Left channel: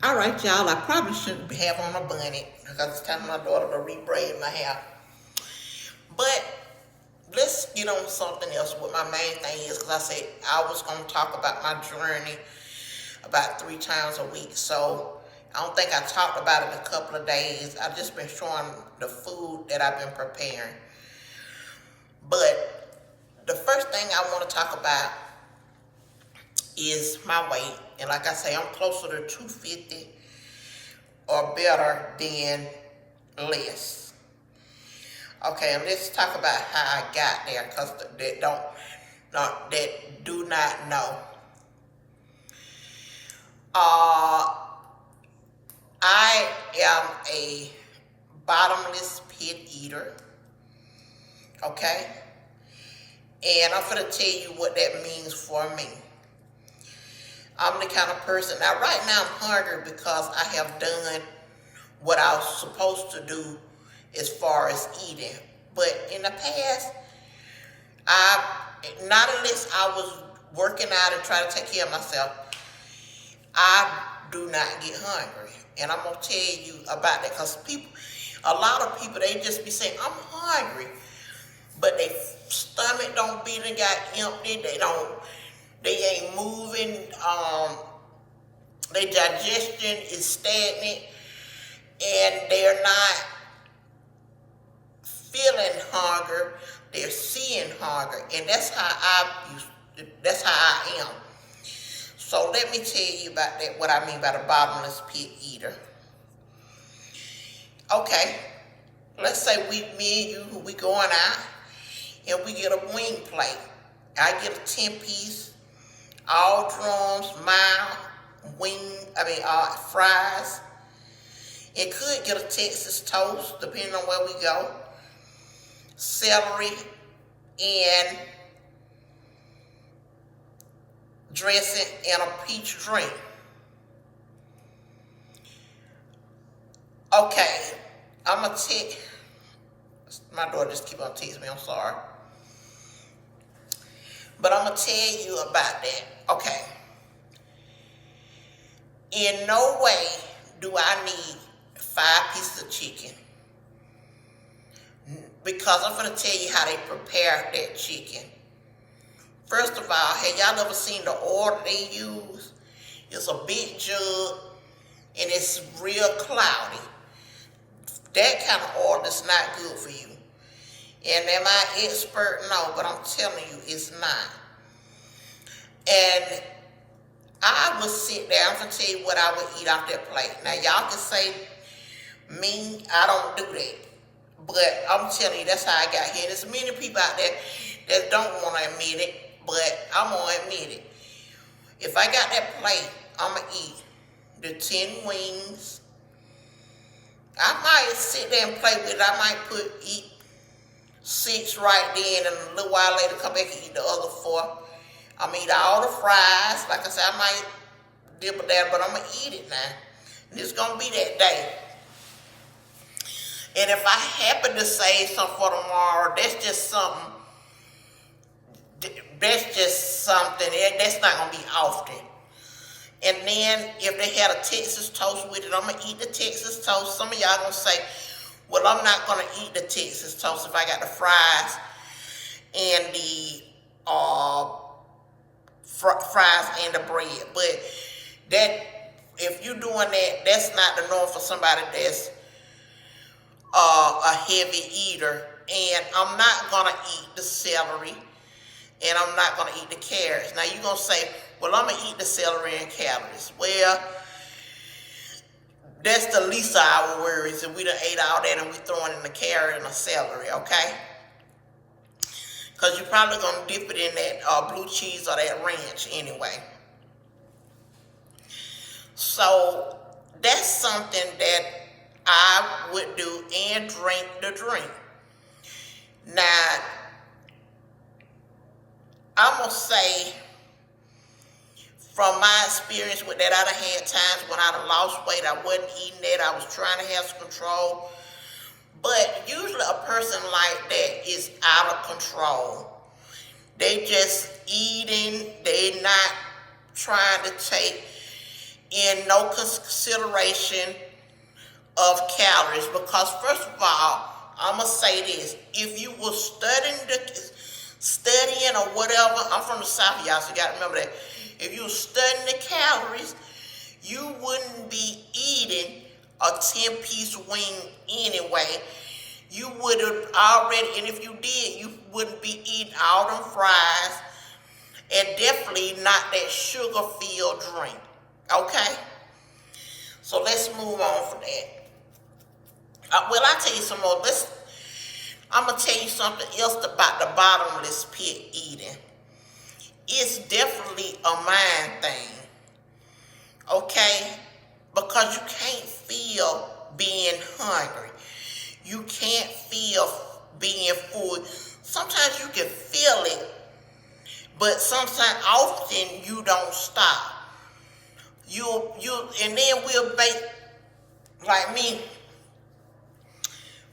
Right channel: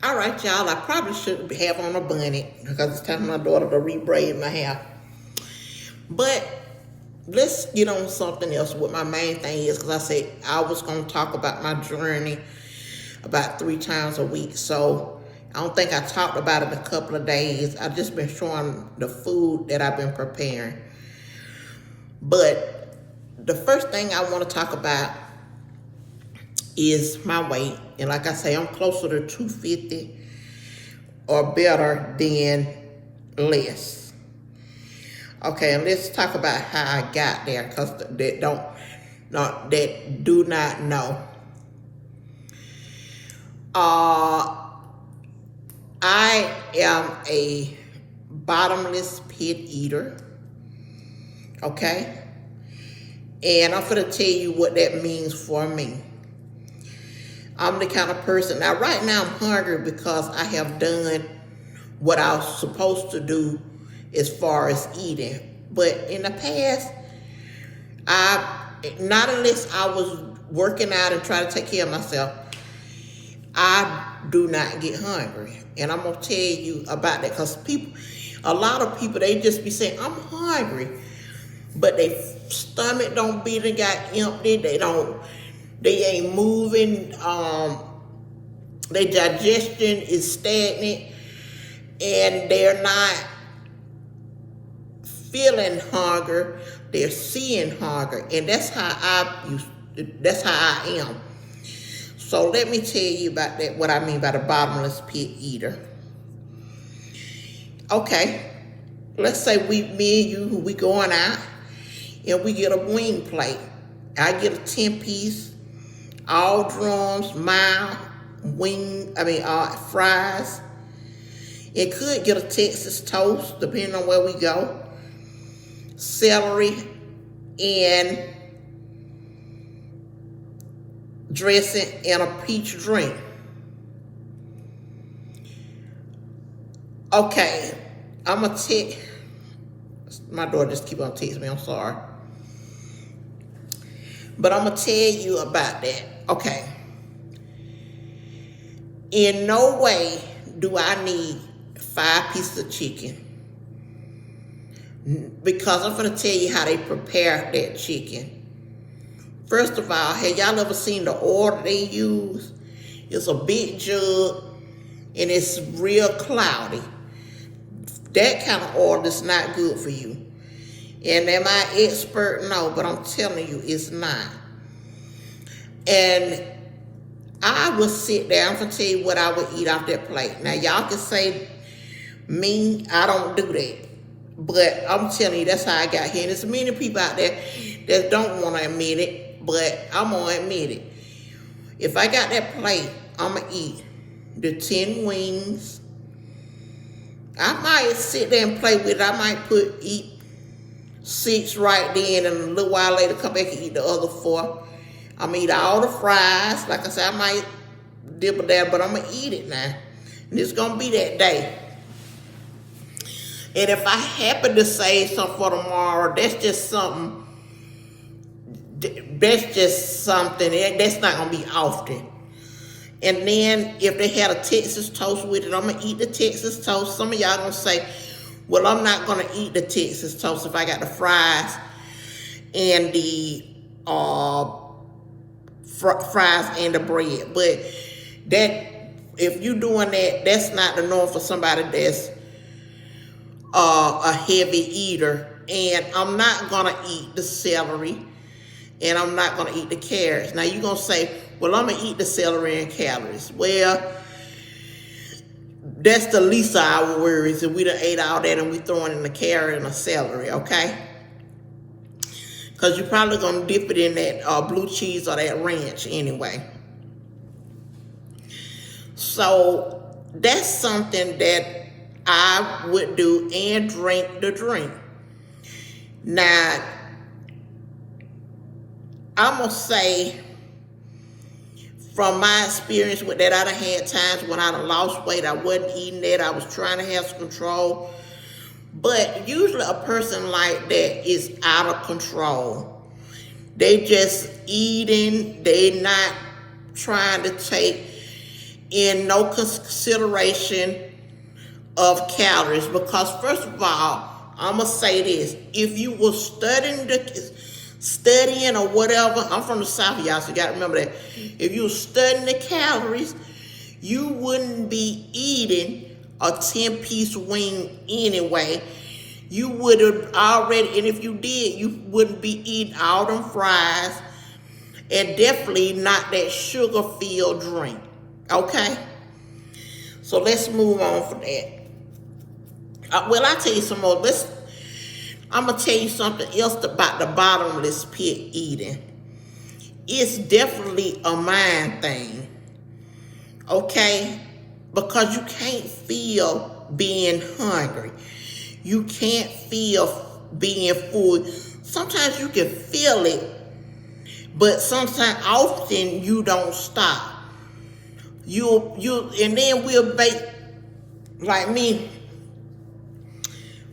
All right, y'all, I probably should have on a bunny because it's time for my daughter to re-braid my hair. But let's get on something else. What my main thing is, because I said I was going to talk about my journey about 3 times a week. So I don't think I talked about it in a couple of days. I've just been showing the food that I've been preparing. But the first thing I want to talk about is my weight. And like I say, I'm closer to 250 or better than less. Okay, and let's talk about how I got there, because that do not know. I am a bottomless pit eater. Okay? And I'm gonna tell you what that means for me. I'm the kind of person, now right now I'm hungry because I have done what I was supposed to do as far as eating. But in the past, not unless I was working out and trying to take care of myself, I do not get hungry. And I'm gonna tell you about that, because a lot of people, they just be saying, I'm hungry, but their stomach don't be done got empty, they ain't moving, their digestion is stagnant, and they're not feeling hunger, they're seeing hunger. And that's how I am. So let me tell you about that, what I mean by the bottomless pit eater. Okay, let's say me and you, we going out and we get a wing plate. I get a 10-piece, all drums, mild, fries. It could get a Texas toast, depending on where we go, celery, and dressing, and a peach drink. Okay, I'm gonna take, my daughter just keep on texting me, I'm sorry. But I'm gonna tell you about that. Okay. In no way do I need 5 pieces of chicken, because I'm gonna tell you how they prepare that chicken. First of all, have y'all ever seen the oil that they use? It's a big jug and it's real cloudy. That kind of oil is not good for you. And am I expert? No, but I'm telling you, it's not. And I would sit there, I'm gonna tell you what I would eat off that plate. Now y'all can say, me, I don't do that. But I'm telling you, that's how I got here. And there's many people out there that don't want to admit it, but I'm gonna admit it. If I got that plate, I'm gonna eat the 10 wings. I might sit there and play with it. I might eat 6 right then, and a little while later come back and eat the other 4. I'm gonna eat all the fries. Like I said, I might dibble there, but I'm gonna eat it now. And it's gonna be that day. And if I happen to save some for tomorrow, that's just something. That's not gonna be often. And then if they had a Texas toast with it, I'm gonna eat the Texas toast. Some of y'all gonna say, well, I'm not gonna eat the Texas toast if I got the fries and the fries and the bread. But that, if you doing that, that's not the norm for somebody that's a heavy eater. And I'm not gonna eat the celery, and I'm not gonna eat the carrots. Now you're gonna say, well, I'm gonna eat the celery and calories. Well, that's the least of our worries. If we done ate all that and we throwing in the carrot and the celery, okay? Because you're probably gonna dip it in that blue cheese or that ranch anyway. So that's something that I would do, and drink the drink. Now, I'm gonna say, from my experience with that, I done had times when I done lost weight, I wasn't eating that, I was trying to have some control. But usually a person like that is out of control. They just eating, they not trying to take in no consideration of calories. Because first of all, I'm gonna say this: if you were studying or whatever, I'm from the South, y'all, so you gotta remember that. If you were studying the calories, you wouldn't be eating a 10-piece wing anyway. You would have already, and if you did, you wouldn't be eating all them fries, and definitely not that sugar-filled drink. Okay? So let's move on from that. Well, I'll tell you some more. I'm going to tell you something else about the bottomless pit eating. It's definitely a mind thing. Okay? Because you can't feel being hungry. You can't feel being full. Sometimes you can feel it, but sometimes often you don't stop. And then we'll make, like me,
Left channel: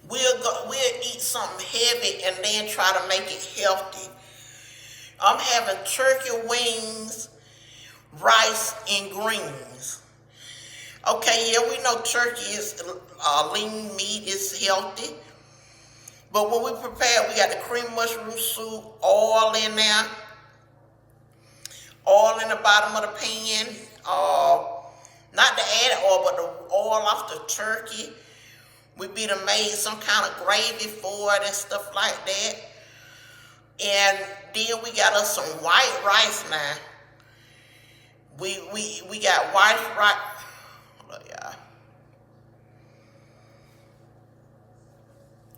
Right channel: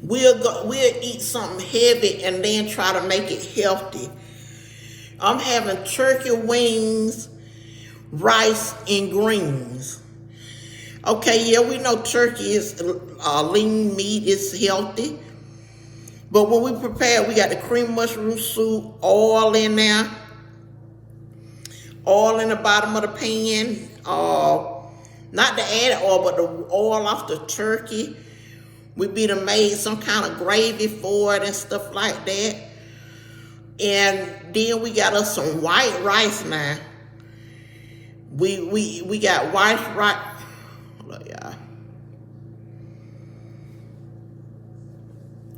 we'll eat something heavy and then try to make it healthy. I'm having turkey wings, rice, and greens. Okay, yeah, we know turkey is lean meat, is healthy. But when we prepare, we got the cream mushroom soup, oil in there, oil in the bottom of the pan. Not the added oil, but the oil off the turkey. We be done made some kind of gravy for it and stuff like that. And then we got us some white rice now. We got white rice.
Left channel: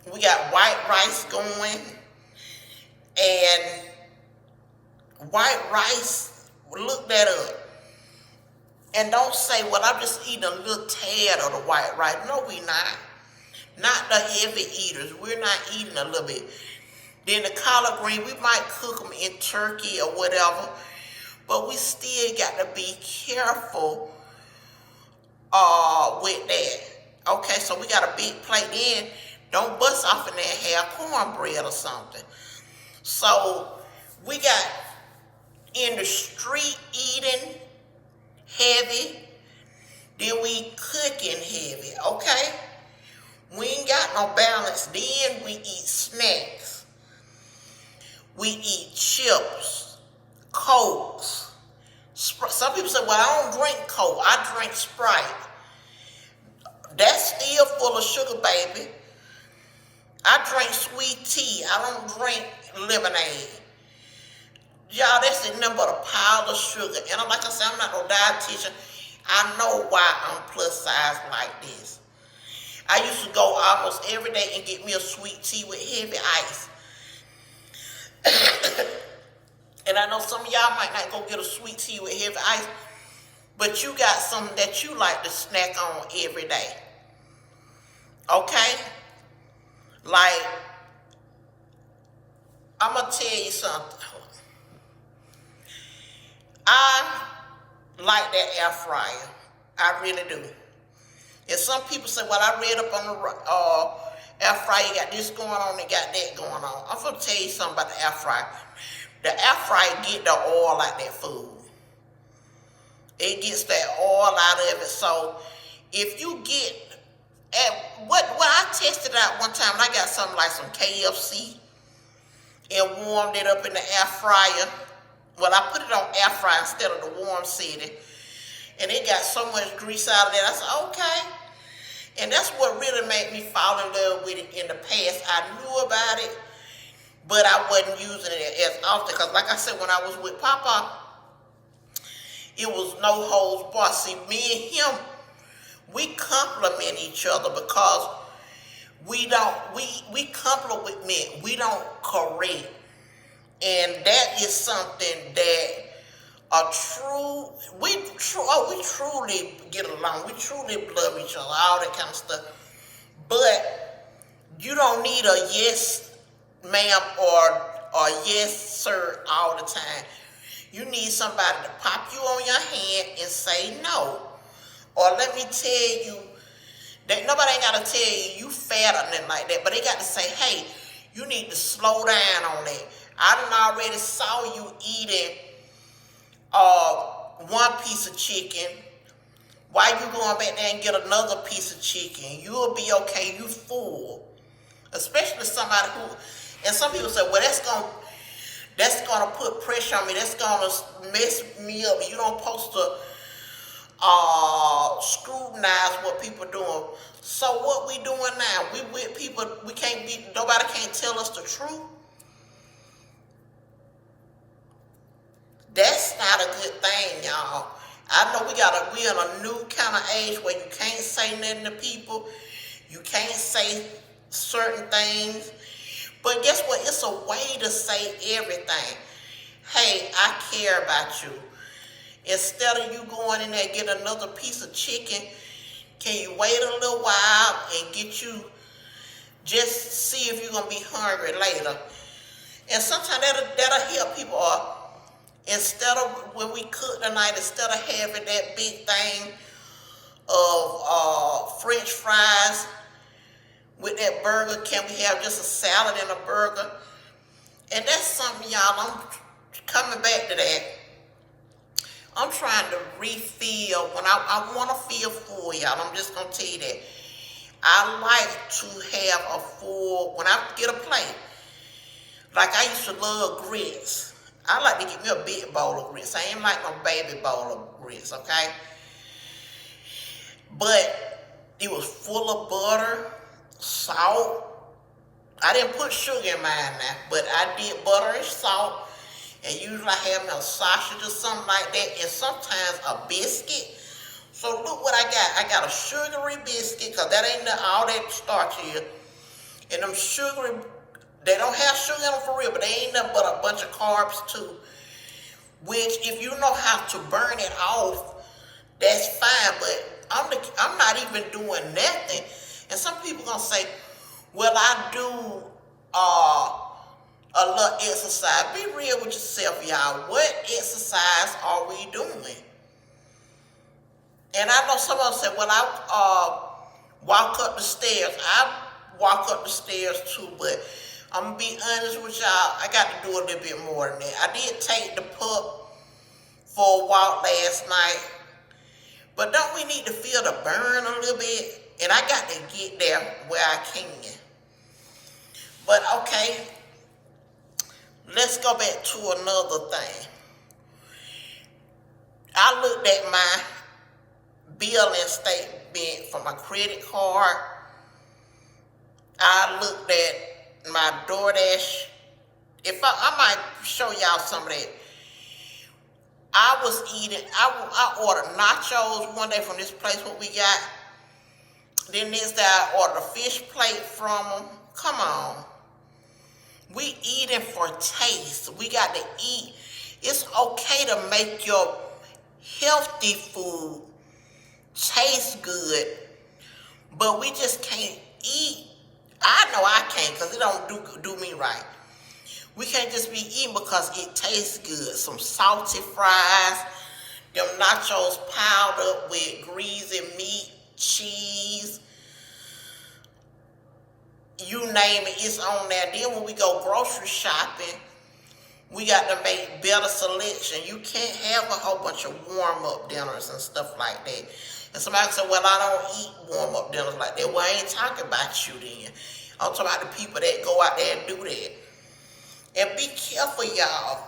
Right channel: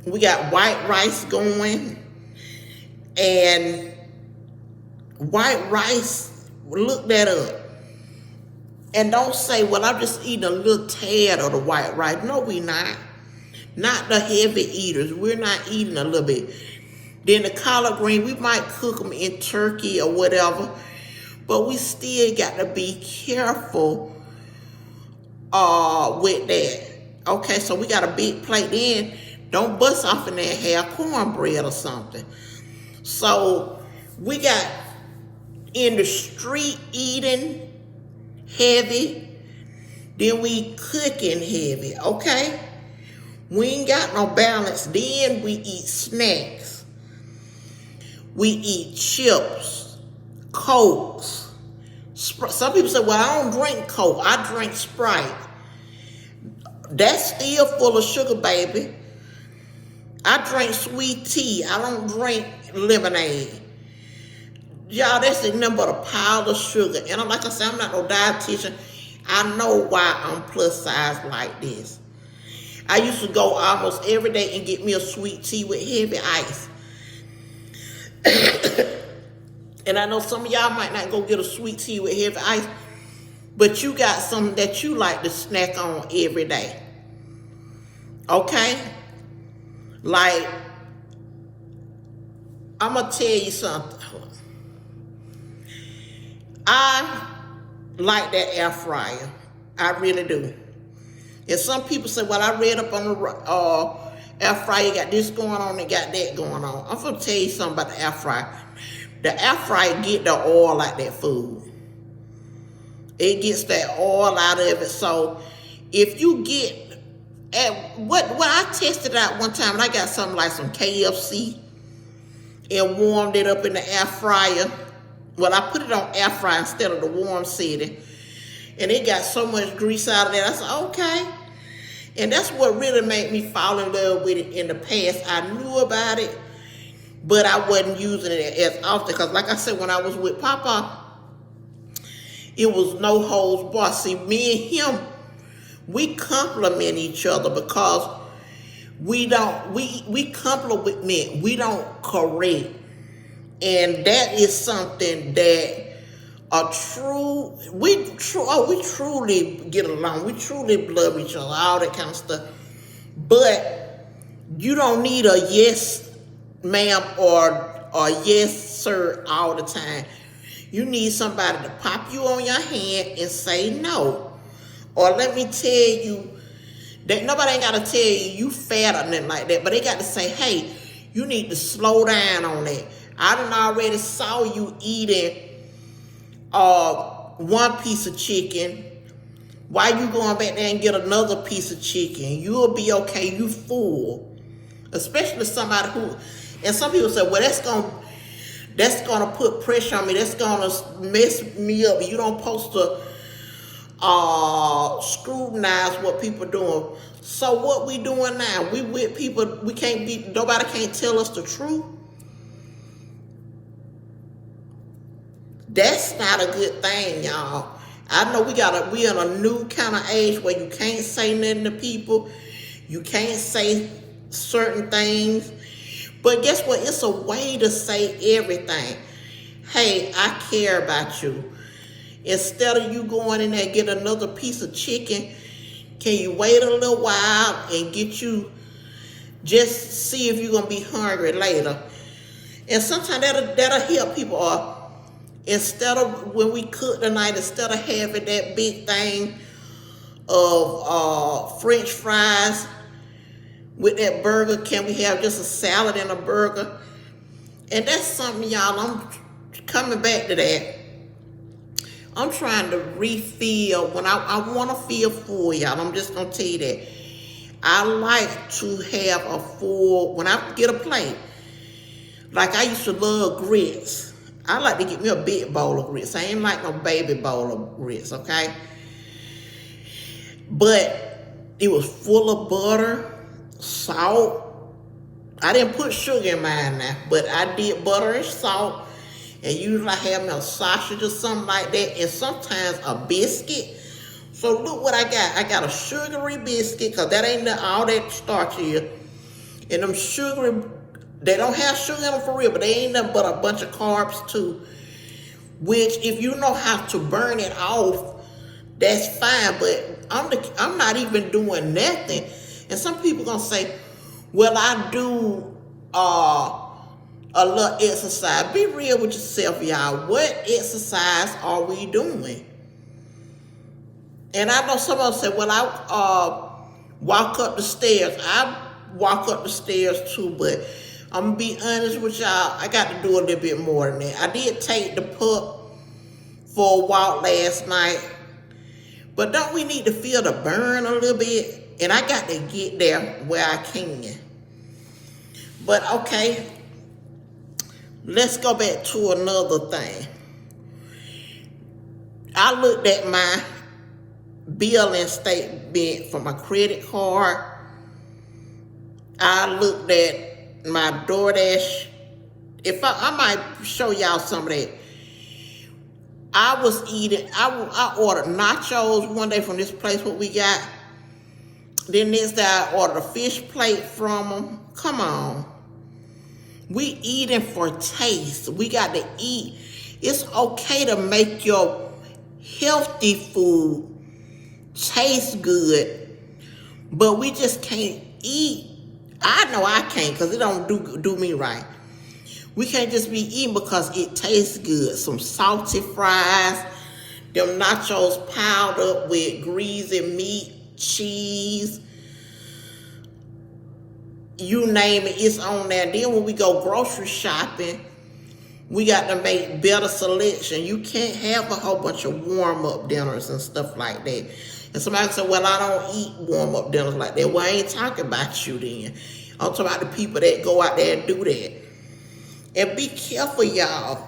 We got white rice going, and white rice, look that up. And don't say, well, I'm just eating a little tad of the white rice. No, we not. Not the heavy eaters. We're not eating a little bit. Then the collard green, we might cook them in turkey or whatever, but we still got to be careful with that. Okay, so we got a big plate. Then don't bust off in there and have cornbread or something. So we got in the street eating heavy, then we cooking heavy, okay? We ain't got no balance. Then we eat snacks. We eat chips, Cokes. Some people say, well, I don't drink Coke. I drink Sprite. That's still full of sugar, baby. I drink sweet tea. I don't drink lemonade. Y'all, that's nothing but a pile of sugar. And like I said, I'm not no dietitian. I know why I'm plus size like this. I used to go almost every day and get me a sweet tea with heavy ice. And I know some of y'all might not go get a sweet tea with heavy ice, but you got something that you like to snack on every day. Okay? Like, I'm going to tell you something. I like that air fryer. I really do. And some people say, well, I read up on the air fryer, got this going on and got that going on. I'm going to tell you something about the air fryer. The air fryer get the oil out that food. It gets that oil out of it. So if you get, what I tested out one time, and I got something like some KFC and warmed it up in the air fryer. Well, I put it on air fryer instead of the warm setting. And it got so much grease out of there. I said, okay. And that's what really made me fall in love with it in the past. I knew about it, but I wasn't using it as often. Because like I said, when I was with Papa, it was no holds barred. See, me and him, we complement each other because we compliment, we don't correct. And that is something that we truly get along. We truly love each other, all that kind of stuff. But you don't need a yes, ma'am, or yes, sir, all the time. You need somebody to pop you on your hand and say no. Or let me tell you, that nobody ain't got to tell you fat or nothing like that, but they got to say, hey, you need to slow down on that. I done already saw you eating one piece of chicken Why you going back there and get another piece of chicken? You'll be okay. You full. Especially somebody who, and some people say, well, that's gonna put pressure on me. That's gonna mess me up. You don't supposed to scrutinize what people doing. So what we doing now? We with people. We can't be. Nobody can't tell us the truth. That's not a good thing, y'all. I know we in a new kind of age where you can't say nothing to people. You can't say certain things. But guess what? It's a way to say everything. Hey, I care about you. Instead of you going in there and get another piece of chicken, can you wait a little while and get you, just see if you're going to be hungry later. And sometimes that'll help people. Instead of, when we cook tonight, instead of having that big thing of French fries with that burger, can we have just a salad and a burger? And that's something, y'all, I'm coming back to that. I'm trying to refill. When I want to feel full, y'all, I'm just going to tell you that. I like to have a full, when I get a plate, like I used to love grits. I like to get me a big bowl of grits. I ain't like no baby bowl of grits, okay? But it was full of butter, salt. I didn't put sugar in mine now, but I did butter and salt. And usually I have me a sausage or something like that, and sometimes a biscuit. So look what I got. I got a sugary biscuit, because that ain't all that starch here. And them sugary, they don't have sugar in them for real, but they ain't nothing but a bunch of carbs too. Which, if you know how to burn it off, that's fine. But I'm not even doing nothing. And some people gonna say, well, I do a little exercise. Be real with yourself, y'all. What exercise are we doing? And I know some of them say, well, I walk up the stairs. I walk up the stairs too, but I'm going to be honest with y'all, I got to do a little bit more than that. I did take the pup for a walk last night, but don't we need to feel the burn a little bit? And I got to get there where I can. But okay, let's go back to another thing. I looked at my billing statement for my credit card. I looked at my DoorDash. I might show y'all some of that. I was eating, I ordered nachos one day from this place what we got. Then next day I ordered a fish plate from them. Come on. We eating for taste. We got to eat. It's okay to make your healthy food taste good, but we just can't eat. I know I can't, because it don't do me right. We can't just be eating because it tastes good. Some salty fries, them nachos piled up with greasy meat, cheese, you name it, it's on there. Then when we go grocery shopping, we got to make better selection. You can't have a whole bunch of warm-up dinners and stuff like that. And somebody said, well, I don't eat warm-up dinners like that. Well, I ain't talking about you then. I'm talking about the people that go out there and do that. And be careful, y'all.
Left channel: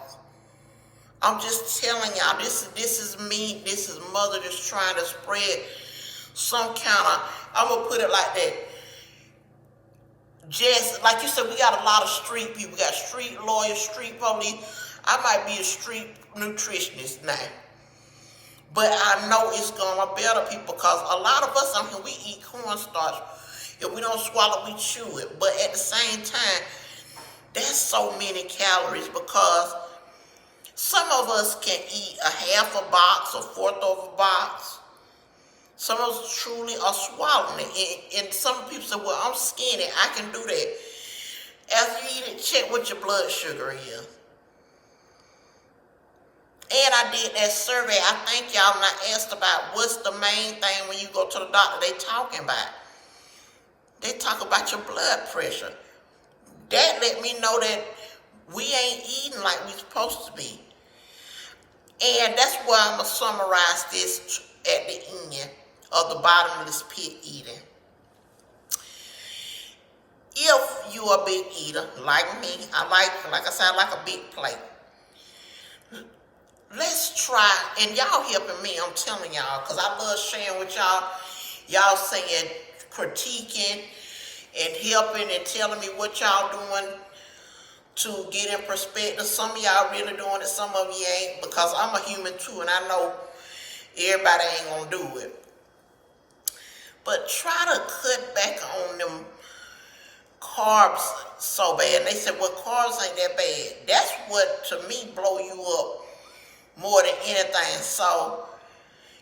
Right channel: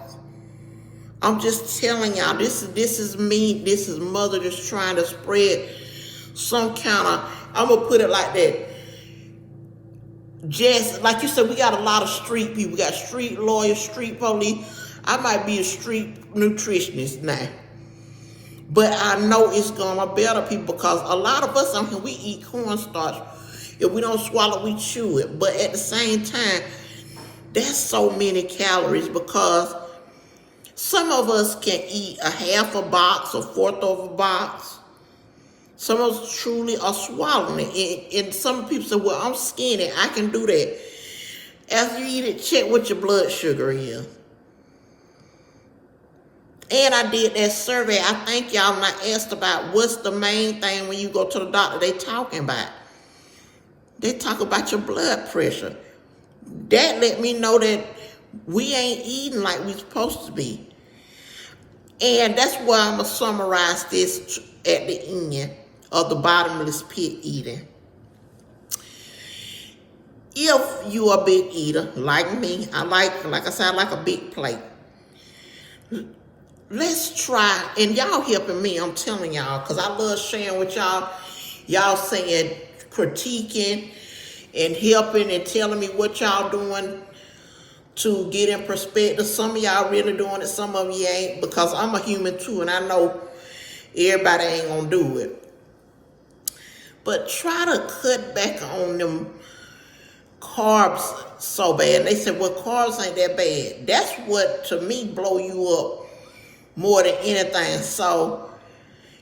I'm just telling y'all, this is me. This is mother just trying to spread some kind of, I'm going to put it like that. Just like you said, we got a lot of street people. We got street lawyers, street police. I might be a street nutritionist now, but I know it's gonna better people, because a lot of us on here, we eat cornstarch. If we don't swallow, we chew it. But at the same time, that's so many calories, because some of us can eat a half a box, a fourth of a box. Some of us truly are swallowing it. And some people say, well, I'm skinny, I can do that. After you eat it, check what your blood sugar is. And I did that survey. I think y'all not asked about what's the main thing when you go to the doctor they talking about. They talk about your blood pressure. That let me know that we ain't eating like we supposed to be. And that's why I'm going to summarize this at the end of the bottomless pit eating. If you are a big eater, like me, like I said, I like a big plate. Let's try, and y'all helping me, I'm telling y'all, because I love sharing with y'all. Y'all saying, critiquing, and helping and telling me what y'all doing to get in perspective. Some of y'all really doing it, some of you ain't, because I'm a human too, and I know everybody ain't gonna do it. But try to cut back on them carbs so bad. And they said, well, carbs ain't that bad. That's what, to me, blow you up more than anything. So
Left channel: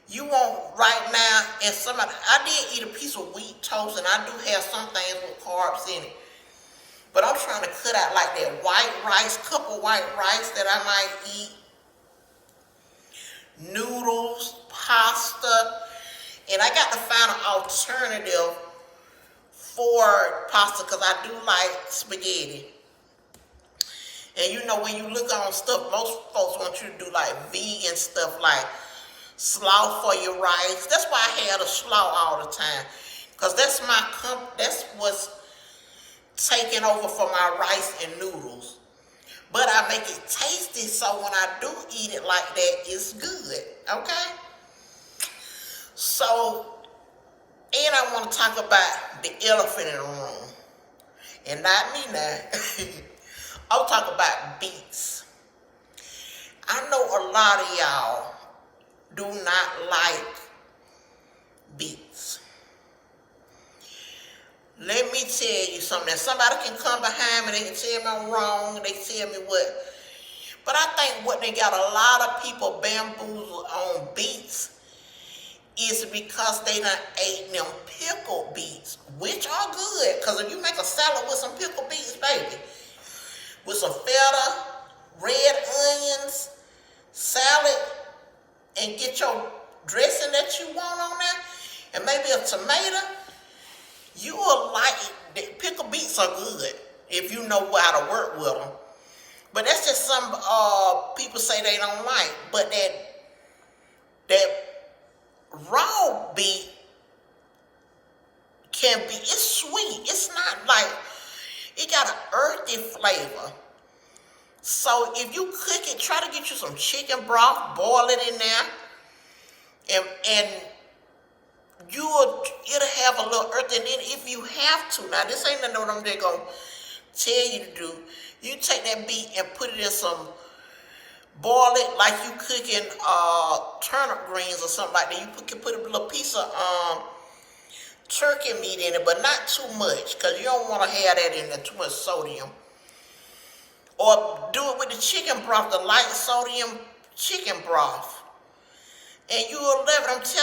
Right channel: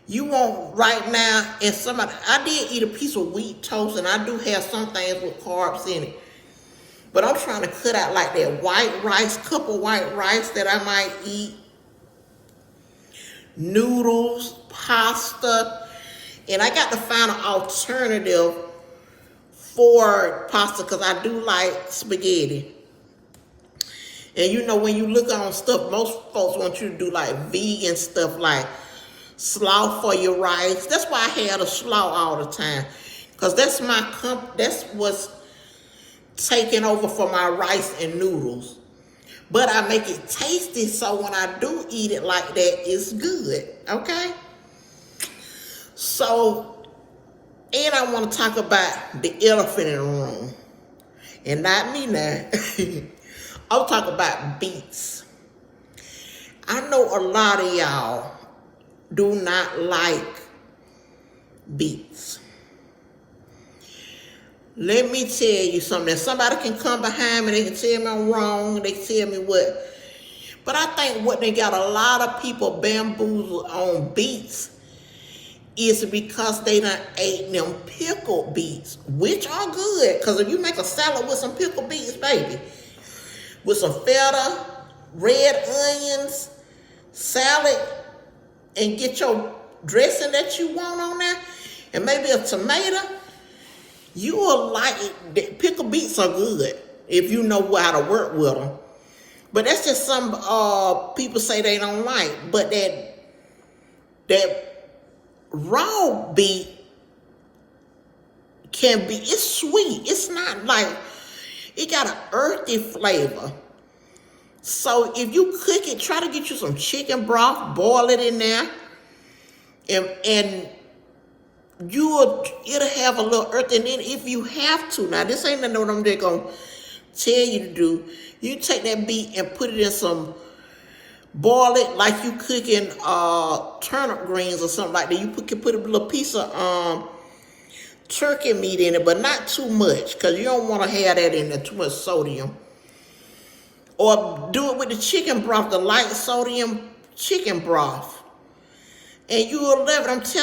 you want right now, and somebody, I did eat a piece of wheat toast, and I do have some things with carbs in it. But I'm trying to cut out like that white rice, cup of white rice that I might eat, noodles, pasta, and I got to find an alternative for pasta because I do like spaghetti. And you know, when you look on stuff, most folks want you to do like vegan stuff, like slaw for your rice. That's why I had a slaw all the time, because that's that's what's taking over for my rice and noodles. But I make it tasty, so when I do eat it like that, it's good, okay? So, and I want to talk about the elephant in the room. And not me now. I'm talking about beets. I know a lot of y'all do not like beets. Let me tell you something. Somebody can come behind me, they can tell me I'm wrong, they can tell me what. But I think what they got a lot of people bamboozled on beets is because they done ate them pickled beets, which are good. Because if you make a salad with some pickled beets, baby, with some feta, red onions, salad, and get your dressing that you want on there, and maybe a tomato, you will like it. Pickled beets are good if you know how to work with them. But that's just some people say they don't like. But that raw beet can be, it's sweet. It's not like, it got an earthy flavor. So if you cook it, try to get you some chicken broth, boil it in there, and it'll have a little earth. And then if you have to, now this ain't nothing I'm just gonna tell you to do, you take that beet and put it in some, boil it like you cooking turnip greens or something like that. You put a little piece of turkey meat in it, but not too much, because you don't want to have that in there, too much sodium. Or do it with the chicken broth, the light sodium chicken broth. And you will love it, I'm telling you.